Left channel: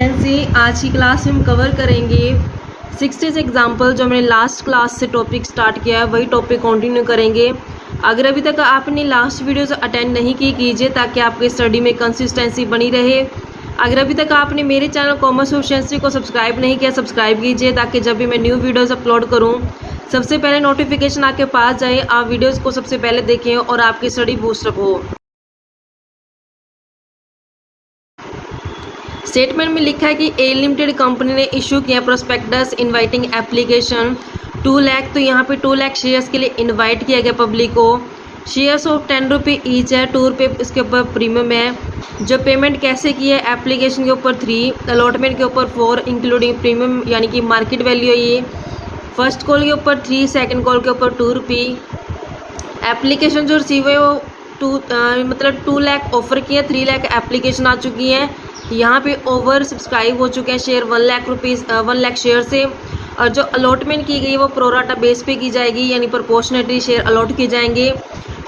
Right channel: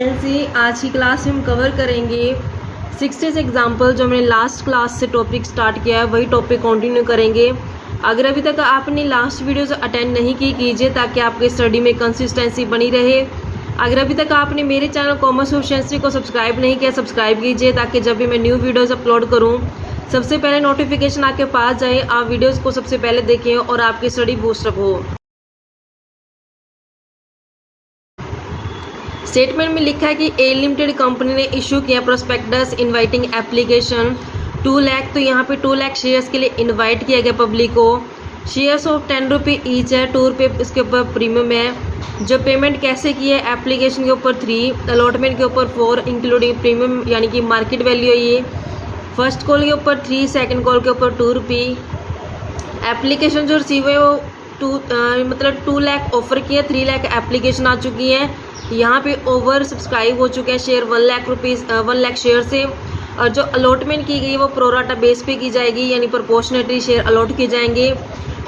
आज की क्लास में हम कवर करेंगे 60 एग्जाम्पल जो हमने लास्ट क्लास से टॉपिक स्टार्ट किया है वही टॉपिक कंटिन्यू करेंगे। अगर अभी तक आपने लास्ट वीडियोस अटेंड नहीं की कीजिए ताकि आपके स्टडी में कंसिस्टेंसी बनी रहे। अगर अभी तक आपने मेरे चैनल कॉमर्स प्रोficiency को सब्सक्राइब नहीं किया सब्सक्राइब कीजिए ताकि जब भी मैं न्यू वीडियोज़ अपलोड करूँ सबसे पहले नोटिफिकेशन आपके पास जाए, आप वीडियोज़ को सबसे पहले देखें और आपकी स्टडी बूस्टअप हो। स्टेटमेंट में लिखा है कि ए लिमिटेड कंपनी ने इशू किया प्रोस्पेक्टस इनवाइटिंग एप्लीकेशन 2 लाख, तो यहाँ पे 2 लाख शेयर्स के लिए इनवाइट किया गया पब्लिक को। शेयर्स ऑफ 10 रुपये ईच है, 2 रुपये इसके ऊपर प्रीमियम है। जो पेमेंट कैसे की है, एप्लीकेशन के ऊपर 3, अलॉटमेंट के ऊपर 4 इंक्लूडिंग प्रीमियम यानी कि मार्केट वैल्यू है ये। फर्स्ट कॉल के ऊपर 3, सेकेंड कॉल के ऊपर 2 रुपये। एप्लीकेशन जो रिसीव है वो 2 लाख ऑफर किया, 3 लाख एप्लीकेशन आ चुकी है। यहाँ पे ओवर सब्सक्राइब हो चुके हैं शेयर 1 लाख शेयर से। और जो अलॉटमेंट की गई है वो प्रोराटा बेस पे की जाएगी यानी प्रोपोर्शनेटली शेयर अलॉट किए जाएंगे।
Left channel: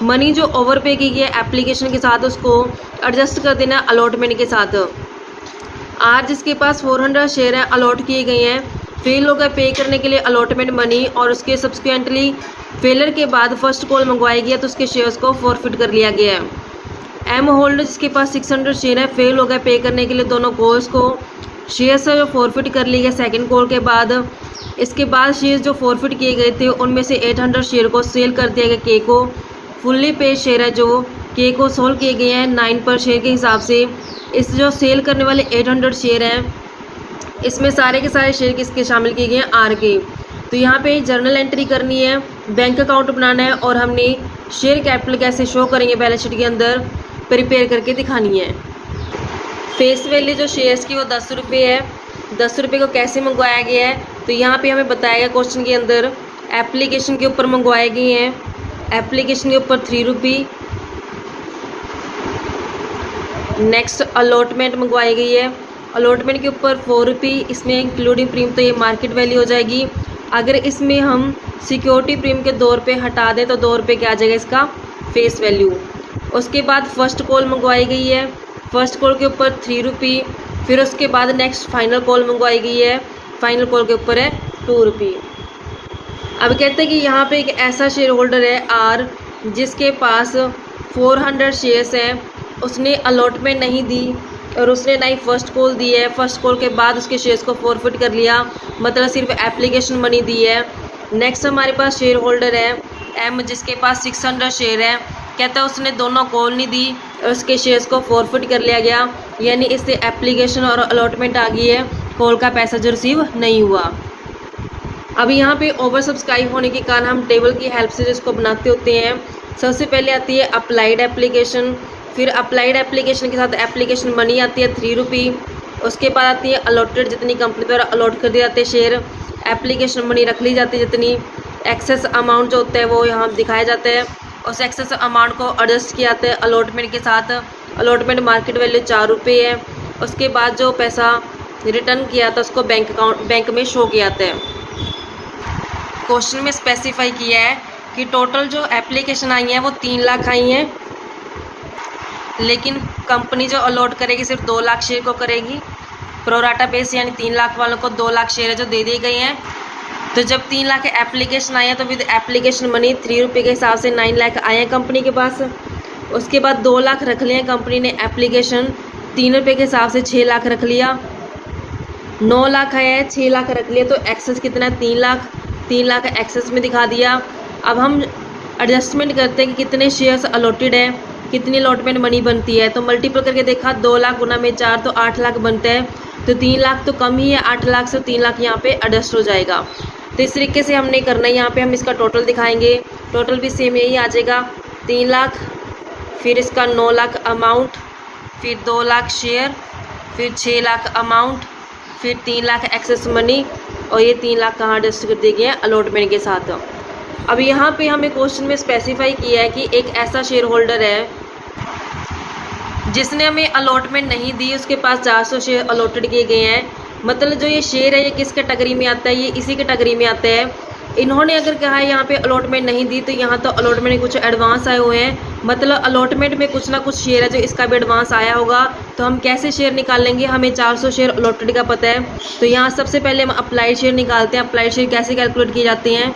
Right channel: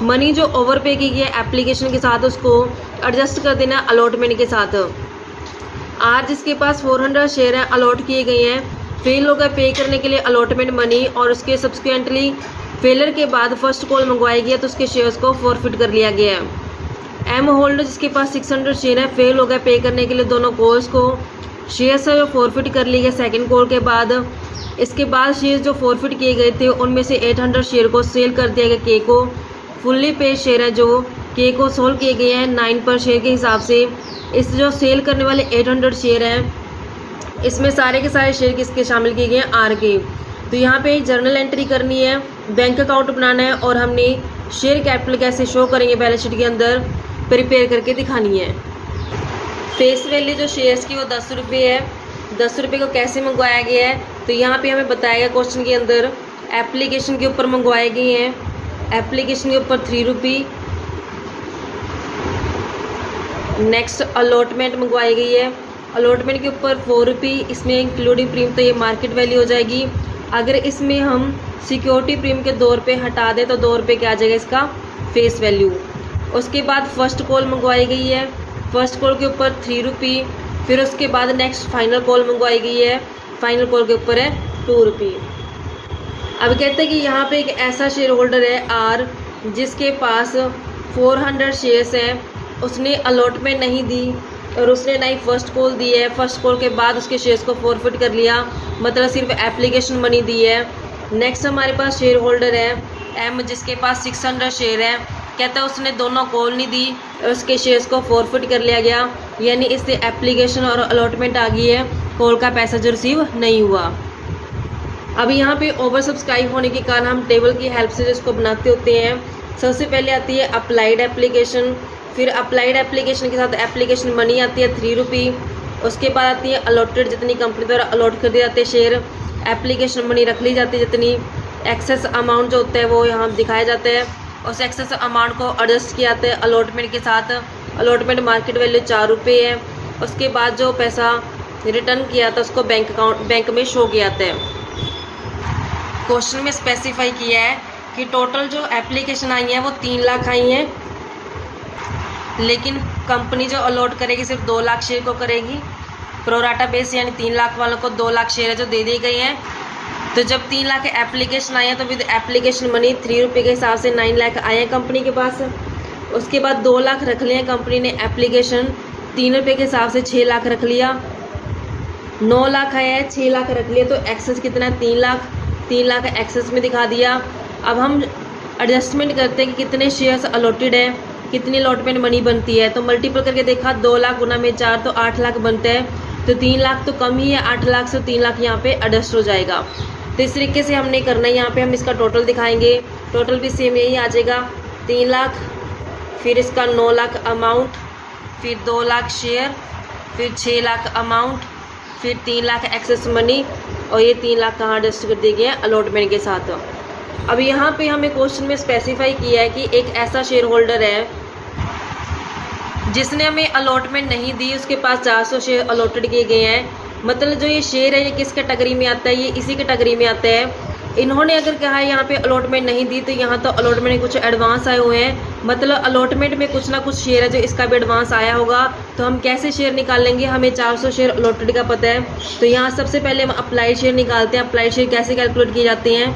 मनी जो ओवर पे की गई है एप्लीकेशन के साथ उसको एडजस्ट कर देना अलॉटमेंट के साथ। आज जिसके पास 400 शेयर हैं अलॉट किए गए हैं, फेल हो गए पे करने के लिए अलॉटमेंट मनी और उसके सब्सिक्वेंटली फेलर के बाद फर्स्ट कॉल मंगवाई गई है तो उसके शेयर्स को फॉरफिट कर लिया गया है। एम होल्डर जिसके पास 600 शेयर है फेल हो गया पे करने के लिए दोनों कॉल्स को, शेयर्स जो फॉरफिट कर लिए गए सेकंड कॉल के बाद। इसके बाद शेयर जो फॉरफिट किए गए थे उनमें से 800 शेयर को सेल कर दिया गया के को। फुल्ली पे शेयर है जो के को सोल्व किए गए हैं 9 पर शेयर के हिसाब से। इस जो सेल करने वाले 800 शेयर हैं इसमें सारे के सारे शेयर किसके शामिल किए गए हैं, आर के। तो यहाँ पे जर्नल एंट्री करनी है, बैंक अकाउंट बनाना है और हमने शेयर कैपिटल कैसे शो करेंगे बैलेंस शीट के अंदर प्रिपेयर करके दिखानी है। फेस वैल्यू जो शेयर्स की वो 10 रुपये है। 10 रुपये को कैसे मंगवाया गया है तो यहाँ पे हमें बताया गया क्वेश्चन के अंदर एप्लीकेशन के ऊपर मंगवाए गए हैं। एप्लीकेशन के ऊपर 3 रुपये। नेक्स्ट अलॉटमेंट मंगवाई गई है, अलॉटमेंट के ऊपर 4 रुपये, इसमें इंक्लूडिंग प्रीमियम तो ये मार्केट वैल्यू हो जाएगी। अगर इसमें हम सिक्योरिटी प्रीमियम के 2 रुपये हटा दें तो 2 रुपये क्या आ जाएगा इसका फेस वैल्यू। उसके बाद फर्स्ट कॉल मंगवाई गई है, फर्स्ट कॉल के ऊपर 3 रुपये। फिर उसके बाद नेक्स्ट फाइनल कॉल मंगवाई गई है, फाइनल कॉल के ऊपर है 2 रुपये। अब कहते हैं कि यहाँ पे एक ऐसा शेयर होल्डर है आर जिसके पास 400 शेयर्स हैं, उसने अलॉटमेंट नहीं दी और उसने ना ही फर्स्ट कॉल दी है। फर्स्ट कॉल के बाद उसके शेयर्स को फॉरफिट कर लिया, मतलब सिर्फ एप्लीकेशन मनी दी है। नेक्स्ट हमारे पास शेयर होल्डर है एम जिसके पास 600 शेयर है, कहता है उसने दोनों कॉल नहीं दी और उसके शेयर्स को फॉरफिट कर लिया गया, यानी इससे एप्लीकेशन और अलॉटमेंट आ गई है, कॉल का पैसा जो रिसीव नहीं हुआ। अब यहाँ पे ओवर सब्सक्राइब होने के कारण हम टेबल की हेल्प से जिसको बनाते होते हैं। सबसे पहले आती है अप्लाइड एप्लीकेशन, फिर अप्लाइड एप्लीकेशन के साथ एप्लीकेशन मनी आती है 3 रुपये। उसके बाद आती है अलॉटेड, जितनी कंपनी द्वारा अलॉट कर दिए जाते हैं शेयर, एप्लीकेशन मनी रख ली जाती है जितनी। एक्सेस अमाउंट जो होता है वो यहाँ दिखाया जाता है, उस एक्सेस अमाउंट को एडजस्ट किया जाता है अलॉटमेंट के साथ। अलॉटमेंट मार्केट वैल्यू 4 रुपये है। उसके बाद जो पैसा रिटर्न किया था उसको बैंक में शो किया जाता है। क्वेश्चन में स्पेसिफाई किया है कि टोटल जो एप्लीकेशन आई है वो 3 लाख आई हैं, लेकिन कंपनी जो अलॉट करेगी सिर्फ 2 लाख शेयर को करेगी। प्रोराटा बेस यानी 3 लाख वालों को 2 लाख शेयर जो दे दिए गए हैं। तो जब 3 लाख एप्लीकेशन आए हैं तो विद एप्लीकेशन मनी 3 रुपये के हिसाब से 9 लाख आए हैं कंपनी के पास। उसके बाद 2 लाख रख लिए कंपनी ने एप्लीकेशन, 3 रुपये के हिसाब से 6 लाख रख लिया। 9 लाख आया है, 6 लाख रख लिया, तो एक्सेस कितना है 3 लाख। 3 लाख एक्सेस में दिखा दिया। अब हम एडजस्टमेंट करते हैं कि कितने शेयर्स अलॉटेड है, कितनी अलॉटमेंट मनी बनती है। तो मल्टीपल करके देखा 2 लाख गुना में 4 तो 8 लाख बनता है, तो 3 लाख तो कम ही है, 8 लाख से 3 लाख यहाँ पे एडजस्ट हो जाएगा। तो इस तरीके से हमने करना है। यहाँ पे हम इसका टोटल दिखाएंगे, टोटल भी सेम यही आ जाएगा 3 लाख, फिर इसका 9 लाख अमाउंट, फिर 2 लाख शेयर, फिर 6 लाख अमाउंट, फिर 3 लाख एक्सेस मनी और ये 3 लाख कहाँ एडजस्ट कर दिए गए हैं अलॉटमेंट के साथ। अब यहाँ पे हमें क्वेश्चन में स्पेसिफाई किया है कि एक ऐसा शेयर होल्डर है जिसने हमें अलॉटमेंट नहीं दी, उसके पास 400 शेयर अलॉटेड किए गए हैं। मतलब जो ये शेयर है ये किस कैटेगरी में आता है, ये इसी कैटेगरी में आता है इन्होंने अगर कहा है यहाँ पे अलॉटमेंट नहीं दी, तो यहाँ तो अलॉटमेंट कुछ एडवांस आए हुए हैं, मतलब अलॉटमेंट में कुछ ना कुछ शेयर है जो इसका भी एडवांस आया होगा। तो हम कैसे शेयर निकाल लेंगे, हमें 400 शेयर अलॉटेड का पता है, तो यहाँ सबसे पहले हम अप्लाइड शेयर निकालते हैं। अप्लाइड शेयर कैसे कैलकुलेट किए जाते हैं,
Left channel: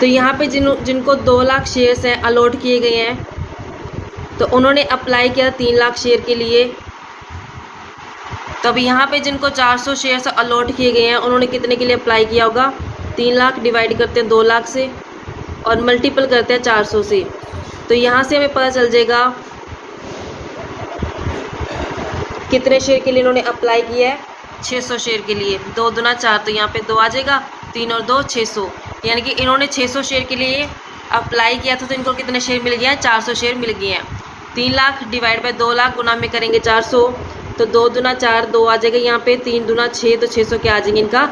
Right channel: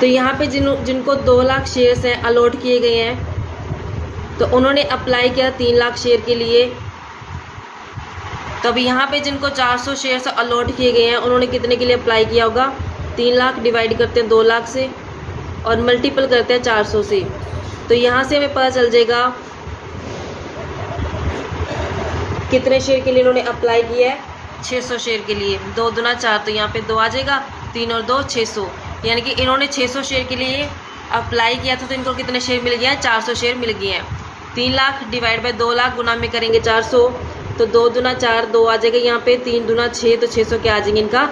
तो यहाँ पे जिनको 2 लाख शेयर्स हैं अलॉट किए गए हैं, तो उन्होंने अप्लाई किया 3 लाख शेयर के लिए। तो अब यहाँ पे जिनको 400 शेयर्स अलॉट किए गए हैं, उन्होंने कितने के लिए अप्लाई किया होगा, 3 लाख डिवाइड करते हैं 2 लाख से और मल्टीपल करते हैं 400 से। तो यहाँ से हमें पता चल जाएगा कितने शेयर के लिए इन्होंने अप्लाई किया है, 600 शेयर के लिए। 2 दूना 4, तो यहाँ पे 2 आ जाएगा, 3 और 2 600, यानी कि इन्होंने 600 शेयर के लिए अप्लाई किया था। तो इनको कितने शेयर मिल गए हैं, 400 शेयर मिल गए हैं। 3 लाख डिवाइड बाय 2 लाख गुना में करेंगे 400, तो 2 दूना 4, 2 आ जाएगा यहाँ पे, 3 दूना 6, तो 600 के आ जाएंगे इनका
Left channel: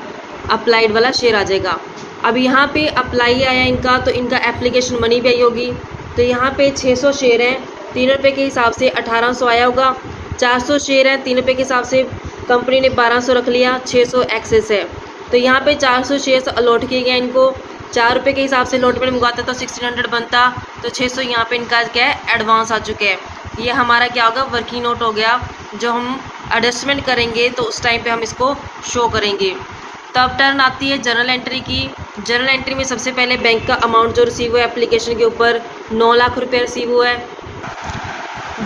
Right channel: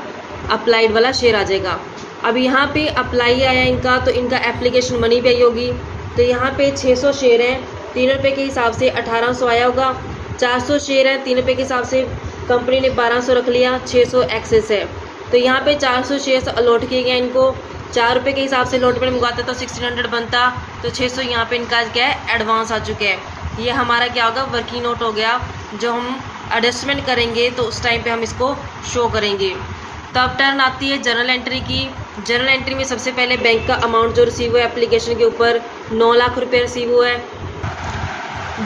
अप्लाइड वाला शेयर आ जाएगा। अब यहाँ पे अप्लाई आया इनका, तो इनका एप्लीकेशन मनी भी आई होगी। तो यहाँ पे 600 शेयर हैं, 3 रुपये के हिसाब से 1800 आया होगा। 400 शेयर हैं, 3 रुपये के हिसाब से कंपनी ने 1200 रख लिया, 600 एक्सेस है। तो यहाँ पे 400 शेयर्स अलॉट किए गए इनको, 4 रुपये के हिसाब से अलॉटमेंट मंगवाता तो 1600 बनता, तो 600 यहाँ पे इनका क्या है, एडवांस आ चुके हैं। ये हमारा क्या होगा, वर्किंग नोट हो गया, जो हम एडजस्टमेंट करेंगे तो उस टाइम पे हम इसको शो करेंगे। तब टर्न आती है जर्नल एंट्री की। जर्नल एंट्री में सबसे पहले बैंक का अमाउंट जो रिसीव हुआ है एप्लीकेशन के ऊपर, 9 लाख रुपये रिसीव हुआ है।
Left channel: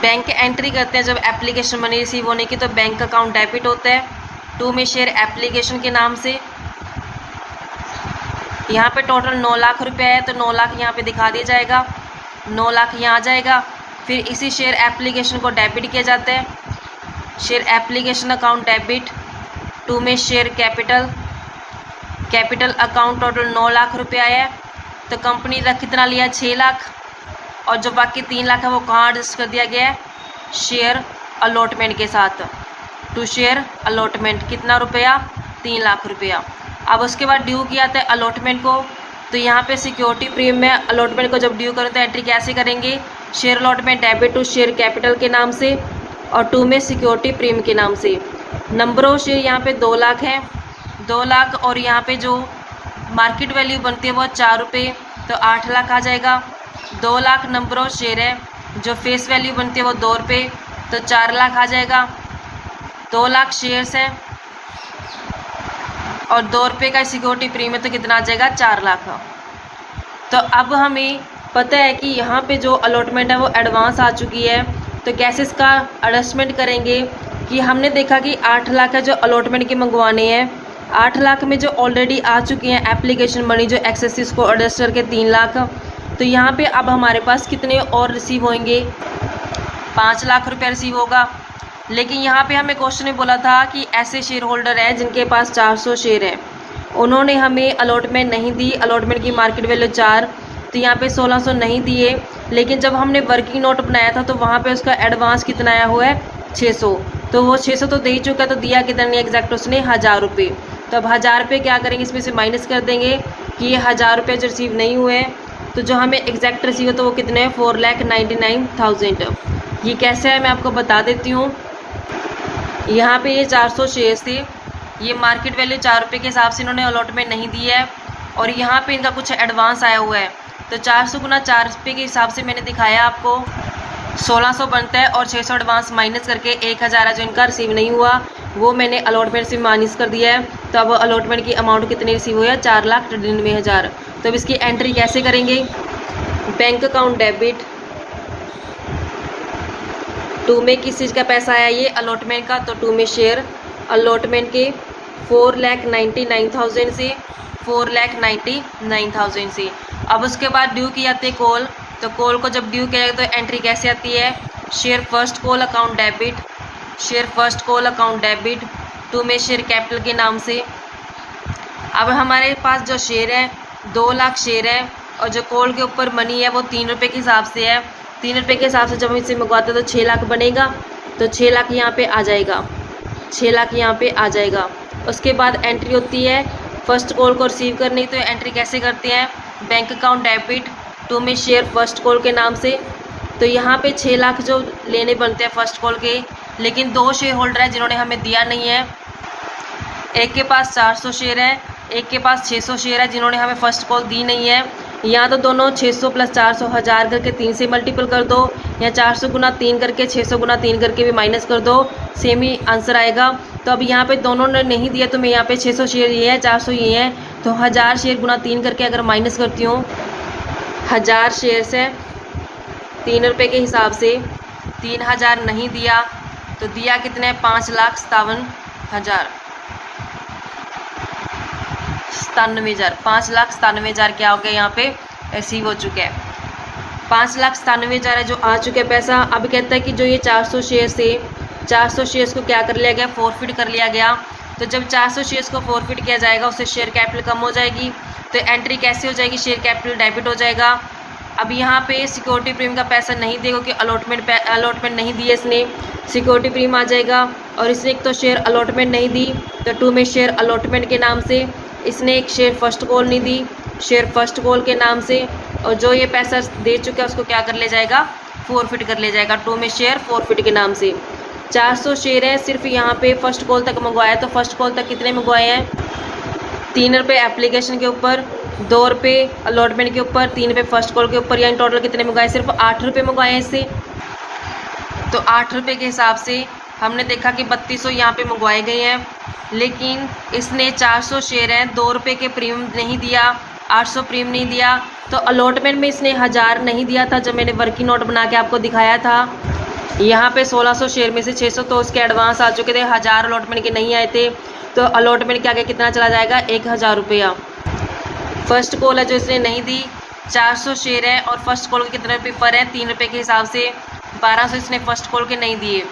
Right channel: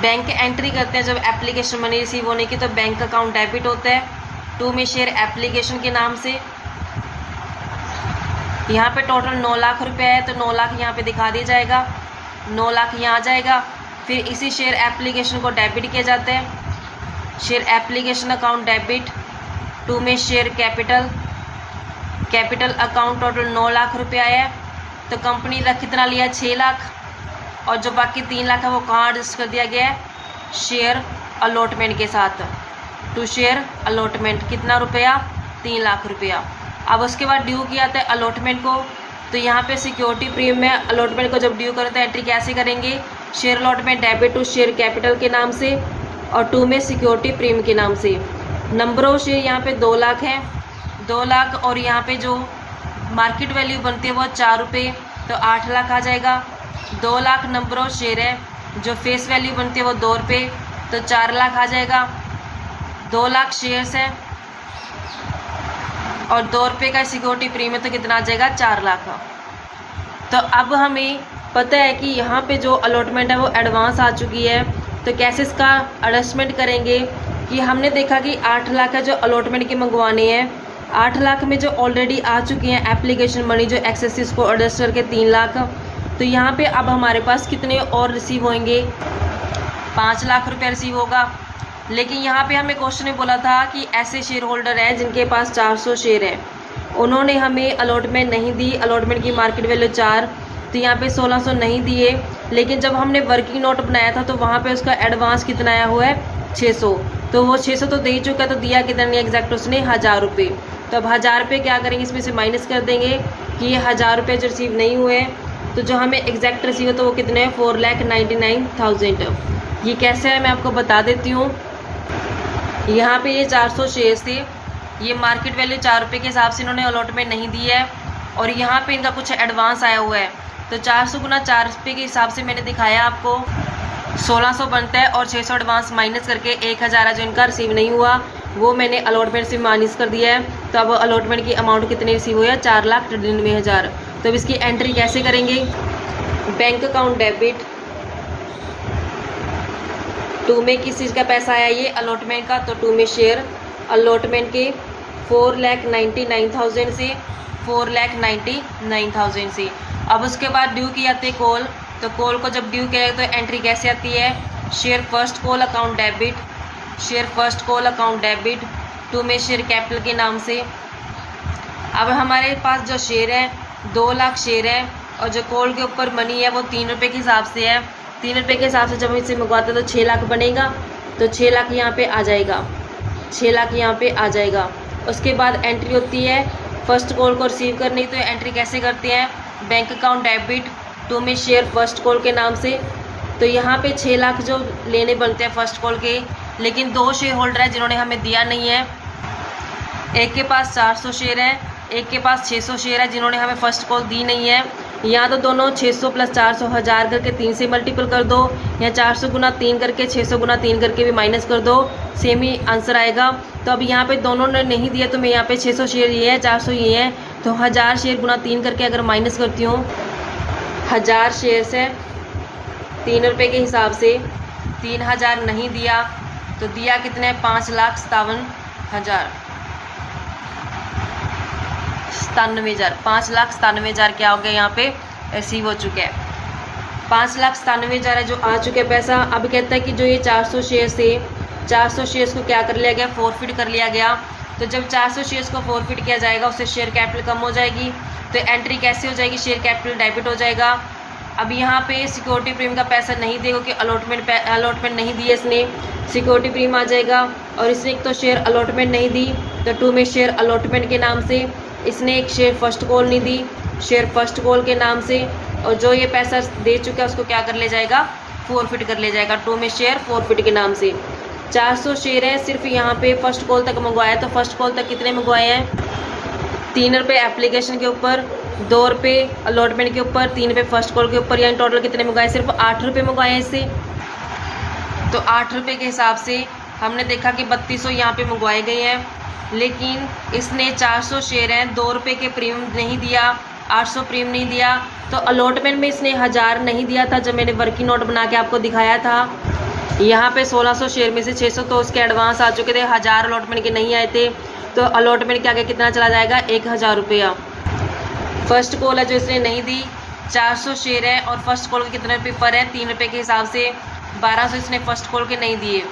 बैंक एंट्री करते हैं जब एप्लीकेशन मनी रिसीव होने की, तो बैंक अकाउंट डेबिट होता है 2 में शेयर एप्लीकेशन के नाम से। यहाँ पे टोटल 9 लाख रुपया है, तो 9 लाख यहाँ पे दिखा दिया जाएगा, 9 लाख यहाँ आ जाएगा। फिर इसी शेयर एप्लीकेशन को डेबिट किया जाता है, शेयर एप्लीकेशन अकाउंट डेबिट 2 में share capital account total 9 lakh रुपया है। तो कंपनी ने कितना लिया, 6 लाख, और जो बाकी 3 लाख है वो कहाँ एडजस्ट कर दिया गया है, शेयर अलॉटमेंट के साथ। 2 शेयर अलॉटमेंट कितना रुपया, 3 लाख रुपया। अब उसके बाद ड्यू किया था अलॉटमेंट को, तो यहाँ पे सिक्योरिटी प्रीमियम में अलॉटमेंट को जब ड्यू करो तो एंट्री कैसे करेंगे, share allotment debit to share capital के नाम से और 2 में सिक्योरिटी प्रीमियम के नाम से। नंबर ऑफ शेयर यहाँ पे 2 लाख है, 2 लाख, और यहाँ पे जो मार्केट वैल्यू बनती है वो 4 रुपये, तो 8 लाख आ जाएगा। 2 लाख नंबर ऑफ शेयर है, जो फेस वैल्यू बनती है वो 2 रुपये, तो 4 लाख आ जाएगा। 2 लाख शेयर्स हैं और 2 रुपये का सिक्योरिटी प्रीमियम, तो कितना आ जाएगा, 4 लाख। तो अब हमें पता है कि यहाँ पे जो अलॉटमेंट है वो एडवांस आ चुकी है, तो कैसे इसका एडजस्टमेंट करेंगे कि हमने देखा कि 8 लाख है जो अलॉटमेंट के मंगवाने हैं। 8 लाख में जो ऑलरेडी आ चुके हैं एप्लीकेशन मनी जो एक्सेसिस को एडजस्ट करके 3 लाख, तो यहाँ पे अब हमारे पास कितने और रिसीव होंगे, 5 लाख रुपये रिसीव होगा। लेकिन यहाँ पे हमें क्वेश्चन में बोला था कि ऐसे शेयर होल्डर हैं जिनके पास 400 शेयर है, उन्होंने हमें अलॉटमेंट नहीं दी, अलॉटमेंट की मार्केट वैल्यू 4, तो यहाँ पे 1600 नहीं दिए। लेकिन जब हमने वर्किंग नोट बनाया था तो वहाँ पे उसका एडवांस कितना आया हुआ है, 600, तो वो 600 तो दे ही चुका, तो दिया कितना नहीं एग्जैक्ट उसने, 1000 रुपये। तो अब 1000 रुपये क्या करेंगे, इसमें से माइनस कर देंगे कि ये 1000 रुपये जो रिसीव नहीं हुए हैं, तो जो हमें एग्जैक्ट रिसीव है तो वो कितने हैं, 4,99,000। ये कैसे है मैं आपको बता देती हूँ। यहाँ पे ये 400 शेयर्स थे, ये मार्केट वैल्यू 4 रुपये के हिसाब से इन्होंने अलॉटमेंट नहीं दी है, और यहाँ पे इनका कुछ एडवांस आया हुआ है, तो 400 गुना 4 रुपये के हिसाब से मैंने दिखाया आपको, 1600 बनता है, और 600 एडवांस माइनस करके 1000 है जो इनका रिसीव नहीं हुआ, वो मैंने अलॉटमेंट से माइनस कर दिया है। तो अब अलॉटमेंट की अमाउंट कितनी रिसीव हुई है, 4,99,000। तो अब इसकी एंट्री कैसे करेंगे, बैंक अकाउंट डेबिट 2 में किस चीज़ का पैसा आया, ये अलॉटमेंट का, तो 2 में शेयर अलॉटमेंट के 4,99,000 से 4,99,000 से। अब उसके बाद ड्यू की जाती है कॉल, तो कॉल को जब ड्यू किया तो एंट्री कैसे आती है, share first call account debit, share first call account debit 2 में शेयर कैपिटल के नाम से। अब हमारे पास जो शेयर है 2 लाख शेयर है, और जो कॉल के ऊपर मनी है वो 3 रुपये के हिसाब से है, 3 रुपये के हिसाब से जब हम इसे मंगवाते हैं तो 6 लाख बनेगा, तो 6 लाख यहाँ पे आ जाएगा, 6 लाख यहाँ पे आ जाएगा। उसके बाद एंट्री होती है फर्स्ट कॉल को रिसीव करने की, तो एंट्री कैसे करते हैं, बैंक अकाउंट डेबिट 2 में शेयर फर्स्ट कॉल के नाम से। तो यहाँ पे 6 लाख जो लेने बनते हैं फर्स्ट कॉल के, लेकिन 2 शेयर होल्डर हैं जिन्होंने हमें दिया नहीं है, एक के पास 400 शेयर है एक के पास 600 शेयर है जिन्होंने हमें फर्स्ट कॉल दी नहीं है। यहाँ तो दोनों 600 प्लस 400 1000 करके 3 से मल्टीपल कर दो, या 400 गुना 3 करके 600 गुना 3 करके भी माइनस कर दो, सेम ही आंसर आएगा। तो अब यहाँ पे दोनों ने नहीं दिया तो मैं यहाँ पे 600 शेयर ये है, 400 ये है, तो 1000 शेयर गुना 3 करके अगर माइनस करती हूँ 1000 शेयर से 3 रुपये के हिसाब से 3000 नहीं दिया तो दिया कितने 5,57,000 5,97,000 क्या हो गया यहाँ पे रिसीव हो चुका है। 5,97,000 है जो आ चुका है पैसा। अब कहता है कि जो ये 400 शेयर से 400 शेयर्स को क्या कर लिया गया, फॉरफिट कर लिया गया। तो जब 400 शेयर्स को फॉरफिट किया जाएगा उससे शेयर कैपिटल कम हो जाएगी, तो एंट्री कैसे हो जाएगी, शेयर कैपिटल डेबिट हो जाएगा। अब यहाँ पे सिक्योरिटी प्रीमियम का पैसा नहीं देगा क्योंकि अलॉटमेंट नहीं दी है इसने, सिक्योरिटी प्रीमियम आ जाएगा। और इसने एक तो शेयर अलॉटमेंट नहीं दी तो 2 में शेयर अलॉटमेंट के नाम से, इसने एक शेयर फर्स्ट कॉल नहीं दी, शेयर फर्स्ट कॉल के नाम से, और जो ये पैसा दे चुका है उसको क्या कर ले जाएगा, फॉरफिट कर ले जाएगा 2 में शेयर फॉरफिट के नाम से। 400 शेयर है सिर्फ यहाँ पे फर्स्ट कॉल तक मंगवाया, तो फर्स्ट कॉल तक कितने मंगवाए हैं, 3 रुपये एप्लीकेशन के ऊपर, 2 रुपये अलॉटमेंट के ऊपर, 3 रुपये फर्स्ट कॉल के ऊपर, यानी टोटल कितने मंगवाए, सिर्फ 8 रुपये मंगवाए हैं इससे। तो 8 रुपये के हिसाब से हमने देखा कि 3200 यहाँ पे मंगवाए गए हैं, लेकिन इसने 400 शेयर हैं, 2 रुपये के प्रीमियम नहीं दिया, 800 प्रीमियम नहीं दिया, तो अलॉटमेंट में इसने 1000 नहीं दिया था जब मैंने वर्किंग नोट बना के आपको दिखाया था। यहाँ पे 1600 शेयर में से 600 तो उसके एडवांस आ चुके थे, 1000 अलॉटमेंट के नहीं आए थे, तो अलॉटमेंट के आगे कितना चला जाएगा, 1000 रुपया। फर्स्ट कॉल है जो इसने नहीं दी, 400 शेयर है और फर्स्ट कॉल के कितने पेपर हैं, 3 रुपये के हिसाब से 1200 इसने फर्स्ट कॉल के नहीं दिए।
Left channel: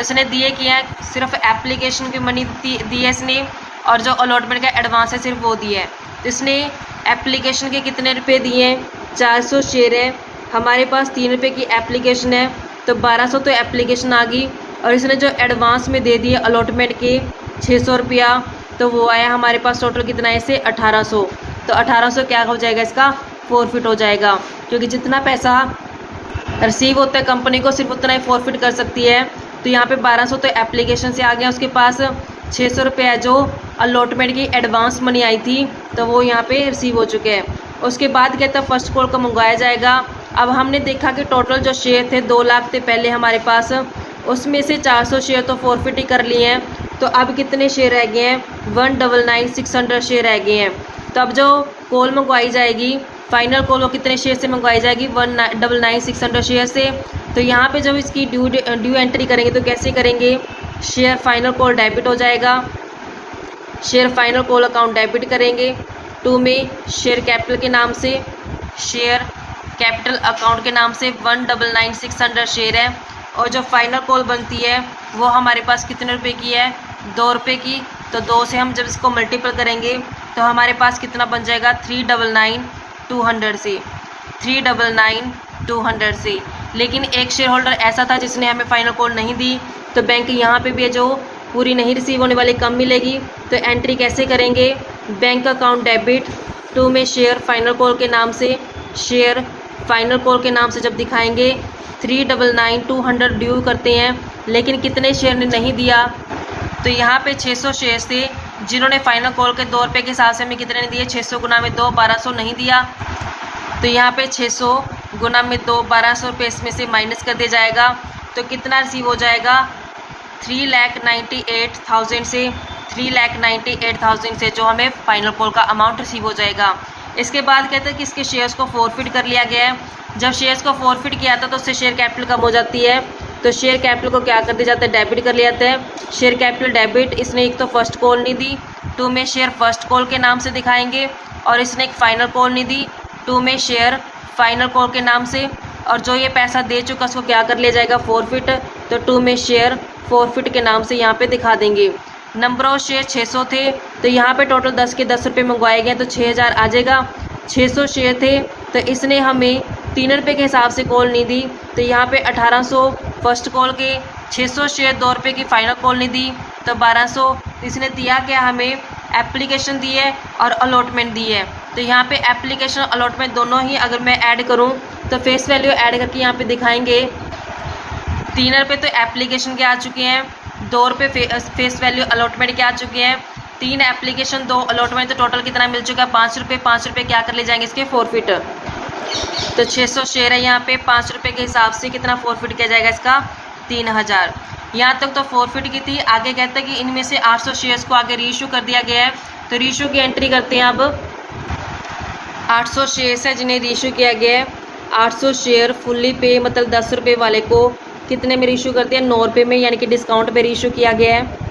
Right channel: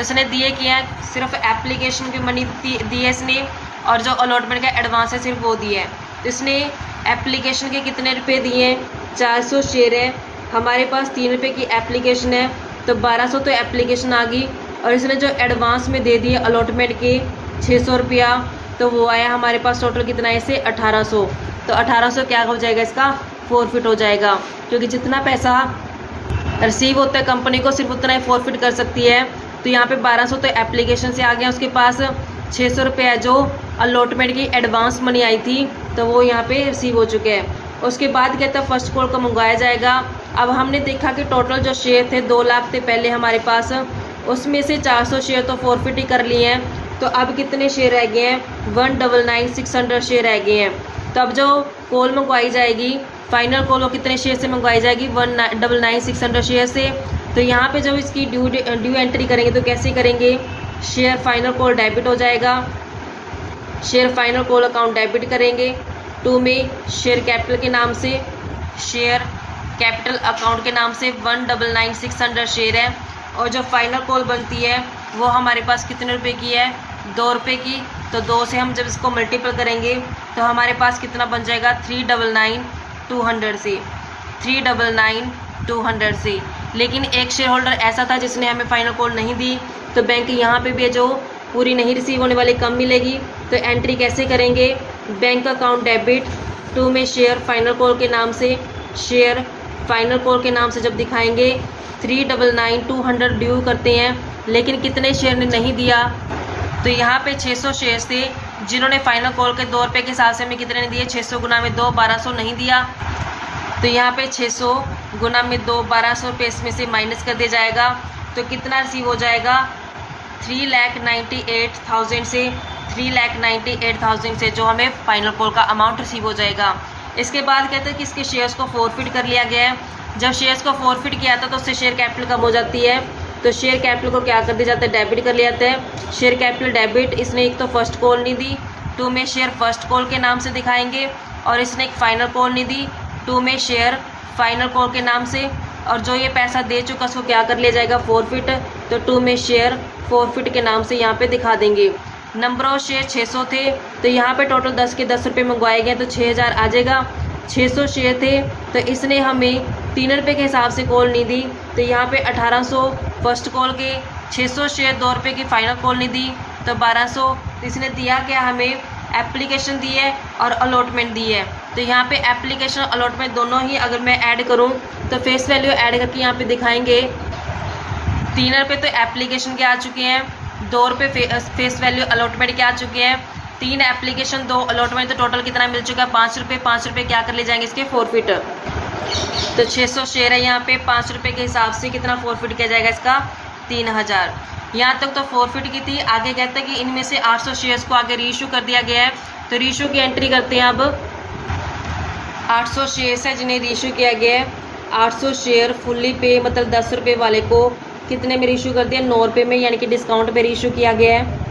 इसने दिए क्या है, सिर्फ एप्लीकेशन की मनी दी है इसने, और जो अलॉटमेंट का एडवांस है सिर्फ वो दिया है। तो इसने एप्लीकेशन के कितने रुपए दिए हैं, 400 शेयर है, हमारे पास 3 रुपये की एप्लीकेशन है, तो 1200 तो एप्लीकेशन आ गई, और इसने जो एडवांस में दे दिए अलॉटमेंट के 600 रुपया, तो वो आया हमारे पास टोटल कितना है इससे 1800। तो 1800 क्या हो जाएगा, इसका फॉरफिट हो जाएगा, क्योंकि जितना पैसा रिसीव होता है कंपनी को सिर्फ उतना ही फॉरफिट कर सकती है। तो यहाँ पे 1200 तो एप्लीकेशन से आ गया, उसके पास 600 रुपये है जो अलॉटमेंट की एडवांस मनी आई थी, तो वो यहाँ पे रिसीव हो चुके हैं। उसके बाद कहता है फर्स्ट कॉल का मंगवाया जाएगा। अब हमने देखा कि टोटल जो शेयर थे 2 लाख थे पहले हमारे पास, उसमें से 400 शेयर तो फॉरफिट ही कर लिए हैं, तो अब कितने शेयर रह गए हैं, 199,600 शेयर रह गए हैं। तो अब जो कॉल मंगवाई जाएगी, फाइनल कॉल वो कितने शेयर से मंगवाई जाएगी, 199,600 शेयर से। तो यहाँ पे जब इसकी ड्यू एंट्री करेंगे तो कैसे करेंगे, शेयर फाइनल कॉल डेबिट हो जाएगा, share final call account debit करेंगे, 2 में शेयर कैपिटल के नाम से, शेयर कैपिटल अकाउंट के नाम से 199,600 शेयर है, और जो फाइनल कॉल बनती है वो हमारे पास कितने रुपए की है, 2 रुपये की। तो 2 से हम जब इसको मल्टीपल करेंगे तो हमारे पास कितना बन जाएगा, 399,200 से, 399,200 से। लेकिन एक शेयर होल्डर ऐसा था जिसने हमें फाइनल कॉल नहीं दी, तो बैंक यहाँ पे भी जो पूरी नहीं रिसीव होने वाली कम मिलेगी। तो एंट्री कैसे करेंगे, बैंक अकाउंट डेबिट, 2 में शेयर फाइनल कॉल के नाम से, शेयर फाइनल कॉल के नाम से जब दिखाएंगे 399,200 ड्यू करते हैं, लेकिन कितने शेयर ने नहीं दिया, तो यहाँ पे 600 शेयर थे जिन्होंने फाइनल कॉल के 2 रुपये के हिसाब से हमें कितने ने दिए, 600 गुना में 2, 1200 नहीं दिया। तो यहाँ पे 600 गुना में 2, 1200 रुपये इसमें से माइनस कर दिया जाएगा, तो कितना रिसीव हो जाएगा, 3,98,000 से, 3,98,000 से जो हमें फाइनल कॉल का अमाउंट रिसीव हो जाएगा। इसके बाद कहते हैं कि इसके शेयर्स को फॉरफिट कर लिया गया है। जब शेयर्स को फॉरफिट किया था तो उससे शेयर कैपिटल कम हो जाती है, तो शेयर कैपिटल को क्या कर दिया जाता है, डेबिट कर लिया जाता है। शेयर कैपिटल डेबिट, इसने एक तो फर्स्ट कॉल नहीं दी, 2 में शेयर फर्स्ट कॉल के नाम से दिखाएंगे, और इसने एक फाइनल कॉल नहीं दी, 2 में शेयर फाइनल कॉल के नाम से, और जो ये पैसा दे चुका उसको क्या कर लिया जाएगा, फॉरफिट। तो 2 में शेयर फॉरफिट के नाम से यहाँ पे दिखा देंगे। नंबर ऑफ शेयर 600 थे, तो यहाँ पे टोटल 10 के 10 रुपये मंगवाए गए, तो 6000 आ जाएगा। 600 शेयर थे तो इसने हमें 3 रुपये के हिसाब से कॉल नहीं दी, तो यहाँ पे 1800 फर्स्ट कॉल के, 600 शेयर 2 रुपये की फाइनल कॉल नहीं दी, तो 1200 इसने दिया क्या, हमें एप्लीकेशन दी है और अलॉटमेंट दी है। तो यहाँ पे एप्लीकेशन अलॉटमेंट दोनों ही अगर मैं ऐड करूँ तो फेस वैल्यू ऐड करके यहाँ पे दिखाएंगे, 3 रुपये तो एप्लीकेशन के आ चुके हैं, 2 रुपये फेस वैल्यू अलॉटमेंट के आ चुके हैं, 3 एप्लीकेशन 2 अलॉटमेंट, तो टोटल कितना मिल चुका है 5 रुपये। 5 रुपये क्या कर ले जाएंगे इसके फॉरफिट। तो 600 शेयर है यहाँ पे, 5 रुपये के हिसाब से कितना फॉरफिट किया जाएगा इसका 3000। यहाँ तक तो फॉरफिट की थी। आगे कहता है कि इनमें से 800 शेयर्स को आगे रीइशू कर दिया गया है, तो रीइशू की एंट्री करते हैं। अब 800 शेयर्स है जिन्हें रीइशू किया गया है। 800 शेयर फुल्ली पे मतलब 10 रुपये वाले को कितने में रीइशू कर दिया 9 रुपये में, यानी कि डिस्काउंट पे रीइशू किया गया है।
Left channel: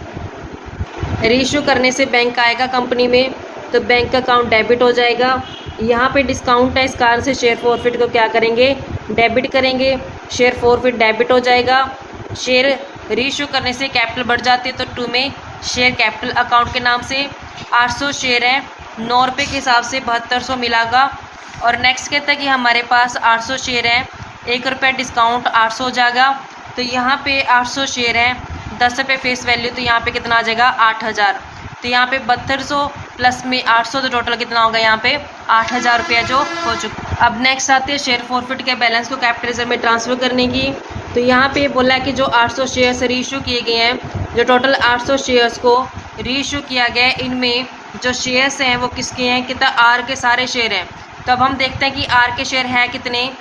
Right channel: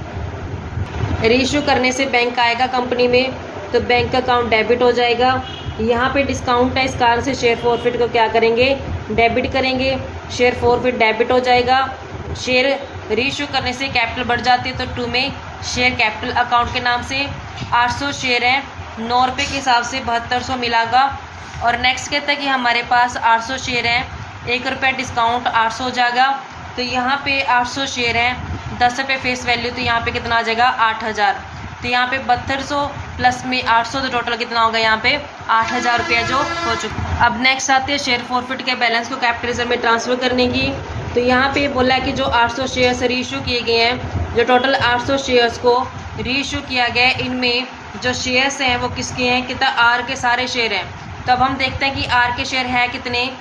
रीइशू करने से बैंक आएगा कंपनी में, तो बैंक अकाउंट डेबिट हो जाएगा। यहाँ पे डिस्काउंट है, इस कारण से शेयर फॉरफिट को क्या करेंगे डेबिट करेंगे। शेयर फॉरफिट डेबिट हो जाएगा। शेयर रीइशू करने से कैपिटल बढ़ जाती है, तो 2 में शेयर कैपिटल अकाउंट के नाम से 800 शेयर है 9 रुपये के हिसाब से 7200 मिलागा। और नेक्स्ट कहता है कि हमारे पास 800 शेयर है 1 रुपये डिस्काउंट 800 हो जाएगा। तो यहाँ पे 800 शेयर है 10 रुपये फेस वैल्यू, तो यहाँ पे कितना आ जाएगा 8000। तो यहाँ पे 7200 प्लस में 800, तो टोटल कितना होगा यहाँ पे 8000 रुपया जो हो चुका। अब नेक्स्ट आते हैं शेयर फॉरफिट के बैलेंस को कैपिटल रिजर्व में ट्रांसफ़र करने की। तो यहाँ पे बोला है कि जो 800 शेयर्स रीइशू किए गए हैं, जो टोटल 800 शेयर्स को रीइशू किया गया है, इनमें जो शेयर्स हैं वो किसके हैं, कितना आर के सारे शेयर हैं। तब हम देखते हैं कि आर के शेयर हैं कितने।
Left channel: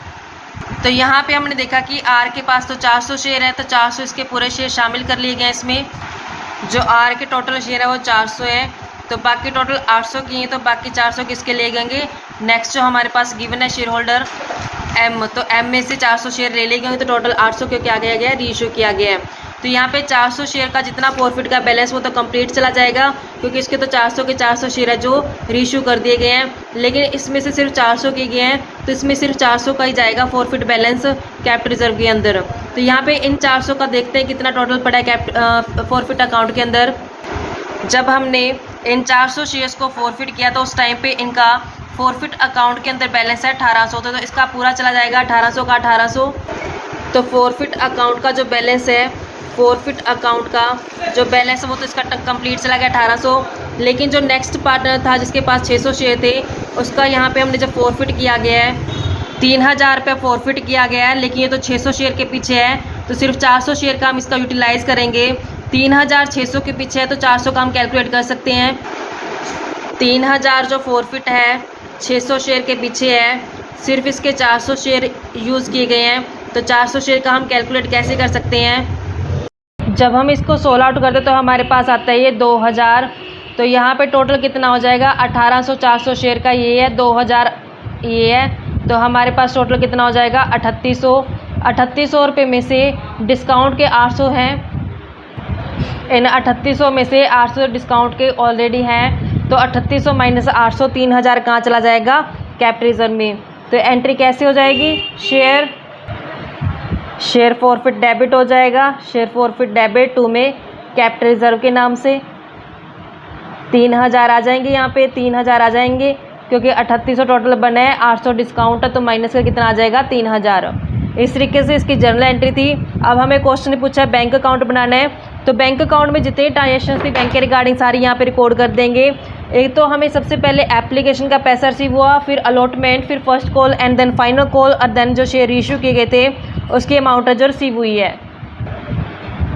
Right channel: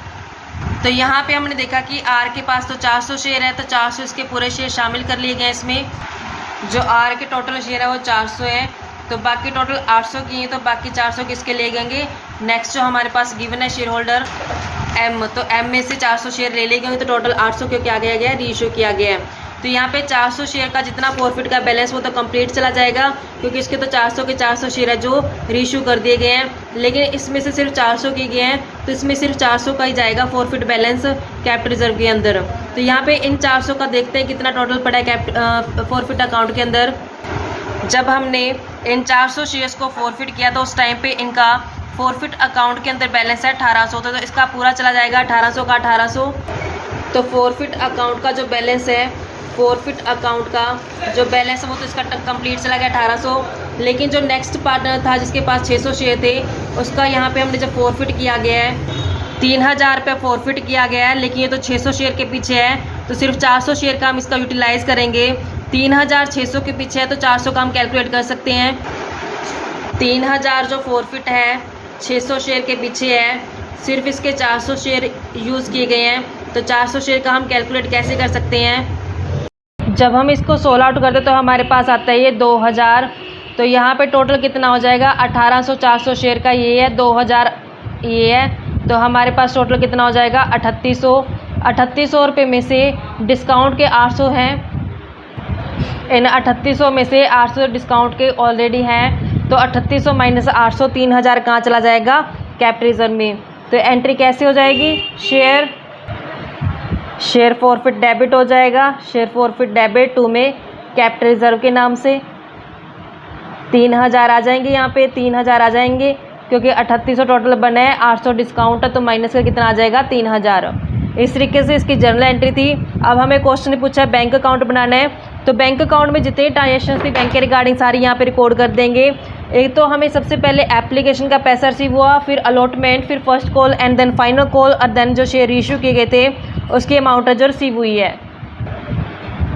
तो यहाँ पे हमने देखा कि आर के पास तो 400 शेयर है, तो 400 इसके पूरे शेयर शामिल कर लिए गए इसमें। जो आर के टोटल शेयर है वो 400 है, तो बाकी टोटल 800 की हैं, तो बाकी 400 किसके ले गएंगे। नेक्स्ट जो हमारे पास गिवन है शेयर होल्डर एम, तो एम में से 400 शेयर ले गए, तो टोटल 800 को क्या किया गया है रीइशू किया गया है। तो यहाँ पे 400 शेयर का जितना प्रॉफिट का बैलेंस वो तो कंप्लीट चला जाएगा, क्योंकि इसके तो 400 के 400 शेयर है जो रीइशू कर दिए गए हैं। लेकिन इसमें से सिर्फ 400 किए गए हैं, तो इसमें सिर्फ 400 का ही जाएगा प्रॉफिट बैलेंस कैपिटल रिजर्व के अंदर। तो यहाँ पे इन 400 का देखते हैं कितना टोटल पड़ा है प्रॉफिट अकाउंट के अंदर। जब हमने इन 400 शेयर्स को फॉरफिट किया तो उस टाइम पे इनका फॉरफिट अकाउंट के अंदर बैलेंस है 1800, तो इसका पूरा चला जाएगा 1800 का 1800। तो फॉरफिट अकाउंट का जो बैलेंस है, फॉरफिट अकाउंट का जो बैलेंस है वो तो इसका कंप्लीट चला गया 1800। लेकिन जो नेक्स्ट पार्टनर था जिसके पास 600 शेयर थे, उसका यहाँ पे हमने जब फॉरफिट किया गया है 3000 रुपये फॉरफिट किया गया है। लेकिन ये तो 600 शेयर के पीछे है, तो सिर्फ 400 शेयर का हम इसका यूटिलाइज़ करेंगे। 3600 के पीछे है, तो 400 का हम कैलकुलेट कर सकते हैं। 3000 जो फॉरफिट है 600 शेयर के पीछे है, सिर्फ इसके 400 शेयर यूज़ किए गए हैं, तो 400 शेयर का हम कैलकुलेट कैसे कर सकते हैं। जब हम इसको 16 आउट करते तो हमारे पास आता है ये 2000। तो यहाँ पे टोटल कितना हो जाएगा 1800, 400 शेयर का ये है, 2000 ये है, तो हमारे पास टोटल कितना हो जाएगा 3800। 3800 रुपये में से डिस्काउंट के 800 हैं, इन 3800 में से 800 डिस्काउंट के ऑलरेडी हैं, तो 3800 माइनस 800 3000 कहाँ चला जाएगा कैपिटल रिजर्व में। तो एंट्री कैसे हो जाएगी, शेयर फॉरफिट डेबिट हो जाएगा। शेयर फॉरफिट डेबिट 2 में कैपिटल रिजर्व के नाम से 3000 आ जाएंगे, यहाँ पे 3000 आ जाएंगे, क्योंकि 3800 टोटल बना है, 800 डिस्काउंट है, तो माइनस का कितना आ जाएगा 3000। इस तरीके से इसकी जर्नल एंट्री थी। अब हमें क्वेश्चन पूछा है बैंक अकाउंट बनाना है, तो बैंक अकाउंट में जितने ट्रांजेक्शन थी बैंक के रिगार्डिंग सारी यहाँ पे रिकॉर्ड कर देंगे। एक तो हमें सबसे पहले एप्लीकेशन का पैसा रिसीव हुआ, फिर अलॉटमेंट, फिर first call and then final call, और देन जो शेयर इशू किए गए थे उसकी अमाउंट जो रिसीव हुई है।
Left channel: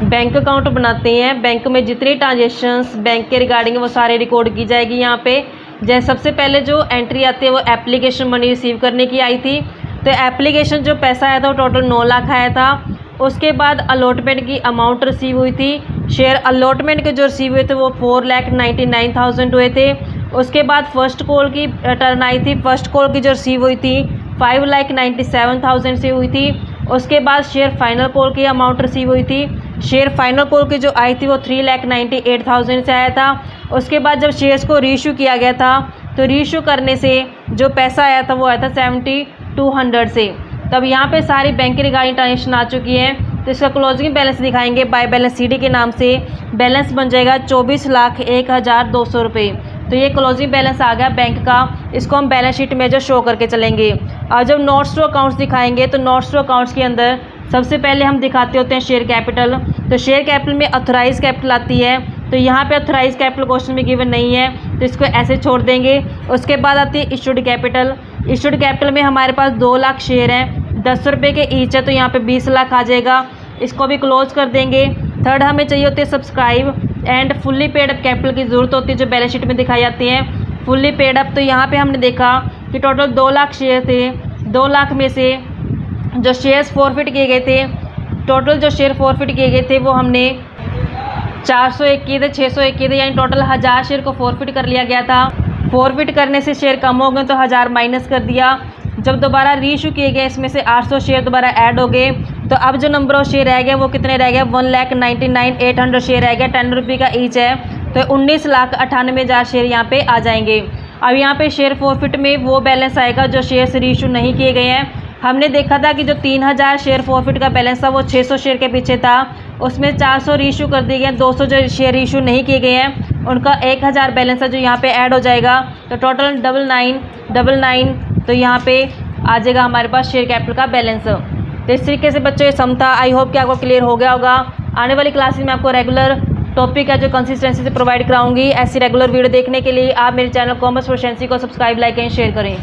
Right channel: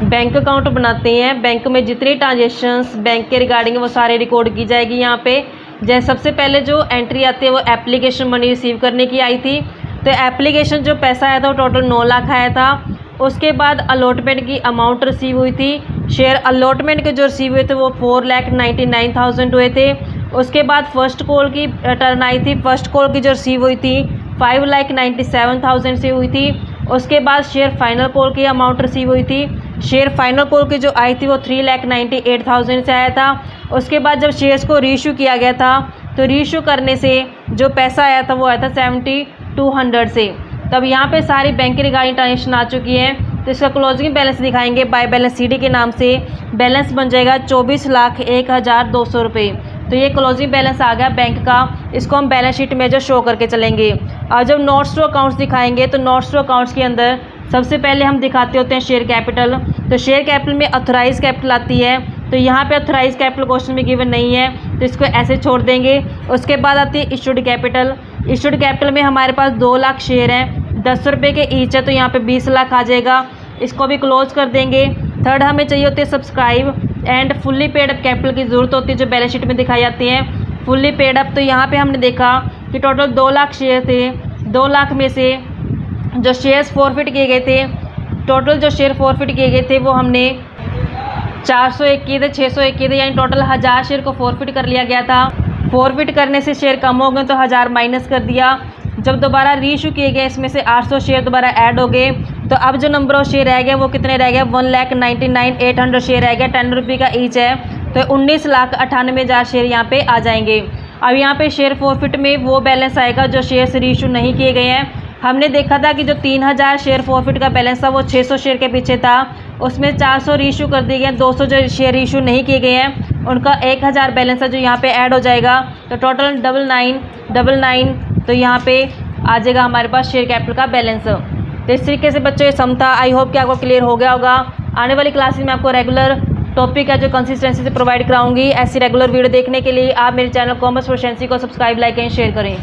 बैंक अकाउंट बनाते हैं, बैंक में जितनी ट्रांजेक्शन्स बैंक के रिगार्डिंग वो सारे रिकॉर्ड की जाएगी यहाँ पे। जैसे सबसे पहले जो एंट्री आती है वो एप्लीकेशन मनी रिसीव करने की आई थी, तो एप्लीकेशन जो पैसा आया था वो टोटल 9 लाख आया था। उसके बाद अलॉटमेंट की अमाउंट रिसीव हुई थी, शेयर अलॉटमेंट के जो रिसीव हुए थे वो 4,99,000 हुए थे। उसके बाद फर्स्ट कॉल की टर्न आई थी, फर्स्ट कॉल की जो रिसीव हुई थी 5,97,000 से हुई थी। उसके बाद शेयर फाइनल कॉल की अमाउंट रिसीव हुई थी, शेयर फाइनल कॉल की जो आई थी वो 3,98,000 से आया था। उसके बाद जब शेयर्स को रीइशू किया गया था तो रीइशू करने से जो पैसा आया था वो आया था 7,200 से। तब यहाँ पे सारी बैंक की रिगार्डिंग ट्रांजेक्शन आ चुकी है, तो इसका क्लोजिंग बैलेंस दिखाएंगे बाय बैलेंस सीडी के नाम से। बैलेंस बन जाएगा 24,01,200 रुपये। तो ये क्लोजिंग बैलेंस आ गया बैंक का, इसको हम बैलेंस शीट में जो शो करके चलेंगे। और जब नोट्स टू अकाउंट्स दिखाएंगे तो नोट्स टू अकाउंट्स के अंदर सबसे पहले हम दिखाते होते हैं शेयर कैपिटल। तो शेयर कैपिटल में ऑथराइज कैपिटल आती है, तो यहाँ पे ऑथराइज कैपिटल क्वेश्चन में गिवन नहीं है, तो इसको ऐसे छोड़ देंगे। उसके बाद आती है इशूड कैपिटल। इशूड कैपिटल में हमारे पास 2 लाख शेयर हैं, 10 रुपये के ईच है, तो यहाँ पे 20 लाख आ जाएगा, इसको भी क्लोज कर देंगे। थर्ड हमें चाहिए होती है subscribe and fully paid up capital की ज़रूरत होती है जो बैलेंस शीट में दिखाई जाती है। फुल्ली पेड अप तो यहाँ पे हमने देखा कि टोटल 2 लाख शेयर थे, 2 लाख में से जो शेयर्स फॉरफिट किए गए थे, टोटल जो शेयर फॉरफिट किए गए थे वो हमने 401 किए थे, 601 किए थे, यानी टोटल 1000 शेयर को फॉरफिट कर लिया गया था। फॉरफिट करने से शेयर कम हो गए तो 1000 माइनस कर दिया। जब दोबारा रीइशू किए गए इसमें से 800 शेयर दोबारा ऐड हो गए, तो अब जो नंबर ऑफ शेयर रह गया वो कितने रह गए, 1,99,800 शेयर रह गया, 10 रुपये का ईच है, तो 19,98,000 शेयर यहाँ पे आ जाएंगे। अब यहाँ पे शेयर फॉरफिट में वो बैलेंस आएगा जो शेयर रीइशू नहीं किए गए हैं। हमने देखा था कि जो 3000 शेयर फॉरफिट का बैलेंस था वो 600 शेयर के पीछे था, उसमें 400 रीइशू कर दिए गए, 200 जो शेयर रीइशू नहीं किए गए हैं उनका 1000 बैलेंस है जो यहाँ पे ऐड हो जाएगा, तो टोटल 9999, तो यहाँ पे आ जाएगा हमारे पास शेयर कैपिटल का बैलेंस। तो इस तरीके से बच्चों ये सम था। आई होप कि आपको क्लियर हो गया होगा। आने वाली क्लासेस में आपको रेगुलर टॉपिक है जो कंसिस्टेंसी से प्रोवाइड कराऊंगी। ऐसी रेगुलर वीडियो देखने के लिए आप मेरे चैनल कॉमर्स प्रोफिशिएंसी को सब्सक्राइब, लाइक एंड शेयर करें।